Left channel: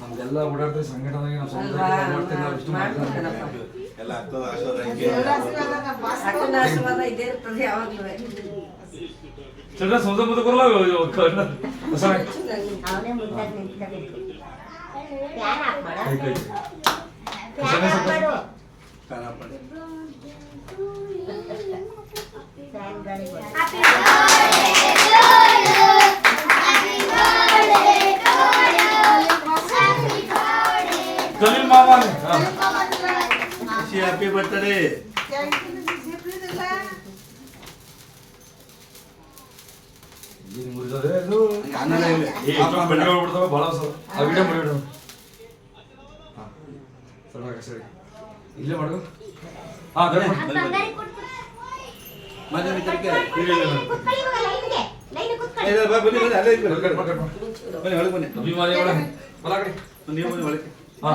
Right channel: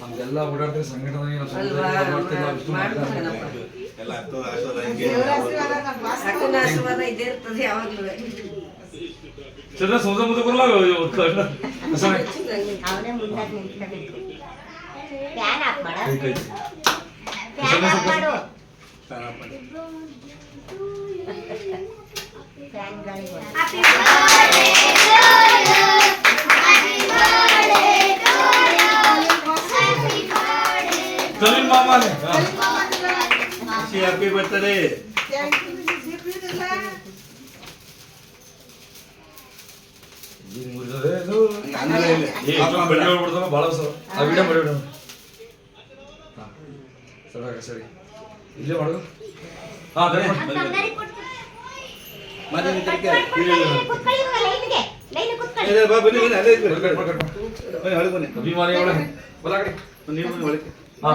ನಮ್ಗೆಲ್ಲ ಓಡಾಡ್ತೀವಿ ಸಂಘಟನೆಗೆ ನಾವು ಮಾಡ್ತೀವಿ ನಾವು ಇಷ್ಟು ಮಾಡ್ತೀವಿ ಎಲ್ಲ ಅಕ್ಕನ ಆಶೀರ್ವಾದ ಅಕ್ಕನ ಆಶೀರ್ವಾದ ಇದ್ದೇ ಇರ್ತದೆ ಯಾವಾಗಲೂ. ಚಂದ್ರ ಸಮುದ್ರ ಮುಂದೆ ಬರಲ್ಲ ಅವನೇ ಮುಂದೆ ನಿಂತ್ಕೊಂಡಿದ್ರು. ಫ್ಯಾನ್ ಹಾಕ್ಬೇಡ. ಫ್ಯಾನ್ ಹಾಕ್ಬೇಡು. ಫ್ಯಾನ್ಗಳಿಗೆ ಹ್ಯಾಪಿ ತಲಿ ಮಾಮ ಹ್ಯಾಪಿ ಬರ್ತ್ಡೇ. ಭಾಳ ವಿಡಿಯೋ ಮಾಡಿ ಸರಿ ಇಲ್ಲೇ ಮಾಡೋದು. ಹಾ ಮತ್ತೆ ಕುತ್ಕೊಳ್ಳಿ ಇವಾಗ ಲೈನ್ಗೆ ಲೈನ್ ಕುತ್ಕೊಳ್ಳಿ. ಬನ್ನಿ ಅಲ್ಲೇ ಅಭಿಮಾನಿಗಳು ಬಲ ಕಡೆ ನೀವು ಒಳಗೆ ಹಾ